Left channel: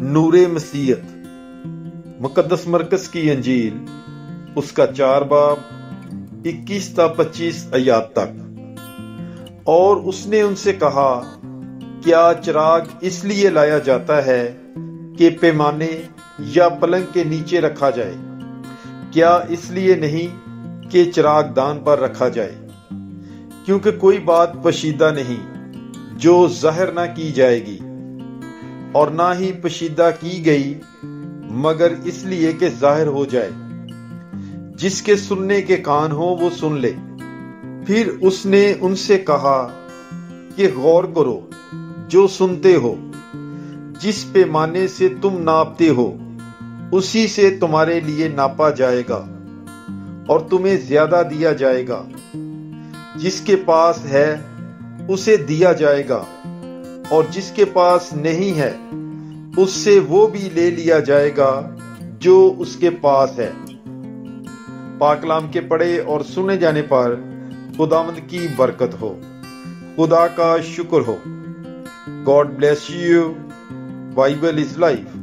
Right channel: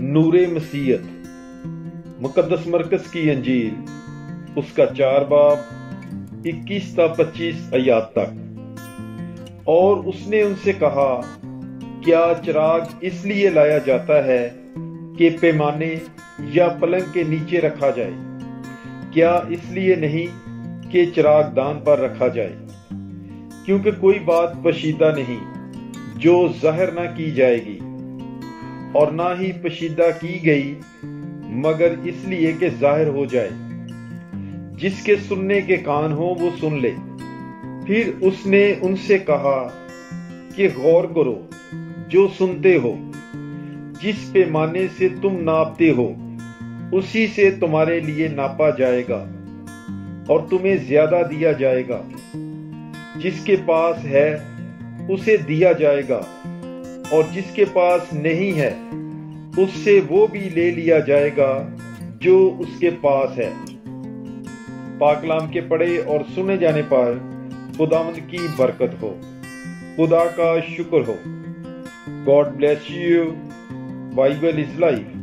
नूर मसीहत मुकद्दस मरकज़ की अंजील उसका 4 बाब 21 ता 25 आयात तक। और उसने उनसे कहा, क्या चिराग इसलिए लाया जाता है कि पैमाने या पलंग के नीचे रखा जाए? क्या इसलिए नहीं कि चिराग दान पर रखा जाए? क्योंकि कोई बात पशीदा नहीं जो ज़ाहिर ना की जाएगी, और ना ही पशीदा की गई मगर इसलिए कि ज़ाहिर हो जाए। जिसके सुनने के कान हो वो सुन ले। फिर उसने उनसे कहा कि गौर करो जो सुनते हो। जिस पैमाने से तुम नापते हो उसी से तुम्हारे लिए नापा जाएगा और तुम्हें ज्यादा दिया जाएगा। जिसके पास है उसे दिया जाएगा, और जिसके पास नहीं है उससे वो भी ले लिया जाएगा जो उसके पास है। पाक कलाम के पढ़े और सुने जाने पर खुदावंद की बरकत हो, खुदा का शुक्र हो। God bless you. Bible is life.